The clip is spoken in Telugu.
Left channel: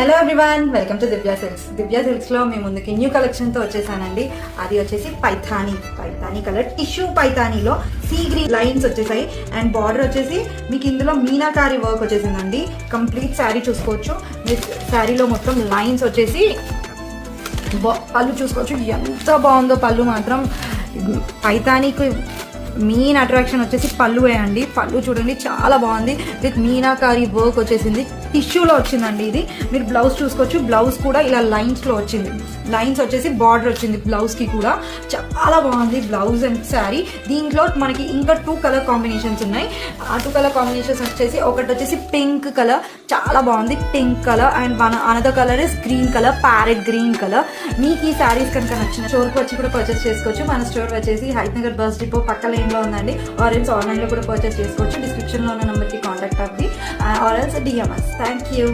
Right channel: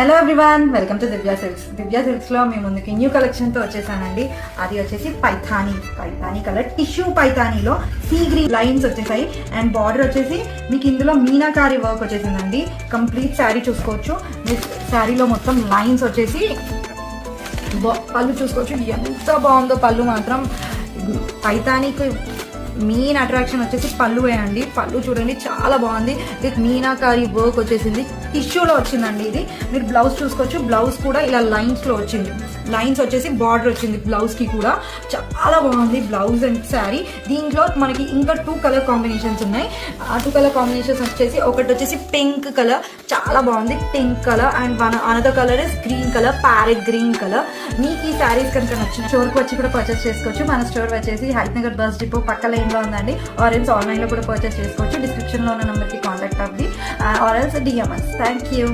Hello everyone, welcome to Divya silks లో మీ ముందుకి న్యూ కలెక్షన్ తో వచ్చేసానండి. అది వచ్చేసి పైథానీ కలర్ టిష్యూ పైథానీలో సీ గ్రీన్ లైన్స్ వచ్చేసాయి అండ్ బార్డర్ వచ్చేసి మీకు ఇందులో మీనాకారి వర్క్ వచ్చేసిందండి. కంప్లీట్ శారీ చూసుకోవచ్చు. మీ శారీలో మొత్తం లైన్స్ వచ్చేసి పళ్ళు చూసుకోవచ్చు. ఎంత బాగుందో పళ్ళు మాత్రం. పైథానీకి మెయిన్ అట్రాక్షన్ వచ్చేసి పళ్ళు వేయండి. పళ్ళు చూడండి చాలా బాగుంది. విత్ మీనాకారి వర్క్ వచ్చేసింది. టిష్యూలో వచ్చిందండి ఇది. మీరు బ్లౌజ్ చూసుకోవచ్చు. బ్లౌజ్ కూడా ఇలా లైన్స్ లో వచ్చింది. లైన్స్ వచ్చేసి బార్డర్ వచ్చింది బ్లౌజ్ కి కూడా. చాలా బాగుంది బ్లౌజ్ అండ్ శారీ. దీంట్లో మనకి ఇంకా 2 కలర్ కాంబినేషన్స్ ఉన్నాయి. ఆ 2 కలర్ కాంబినేషన్స్ వచ్చేసి ఒకటి వచ్చేసి పింక్ కలర్, చాలా బాగుంది pink colour. And another colour is green colour, parrot green colour. మీకు ఈ శారీస్ కనుక నచ్చిన స్టోర్కి వచ్చి కూడా పర్చేస్ చేసుకోవచ్చు. మన స్టోర్ వచ్చేసి హైట్నగర్ బస్ డిపో పక్క లైన్ లో ఉందండి. ఆరెల్స్ ఆన్లైన్ లో కూడా పర్చేస్ చేసుకోవచ్చు. డిస్క్రిప్షన్ లో ఉన్న నెంబర్ కి కాంటాక్ట్ అవ్వండి. Or else DMs. Thank you.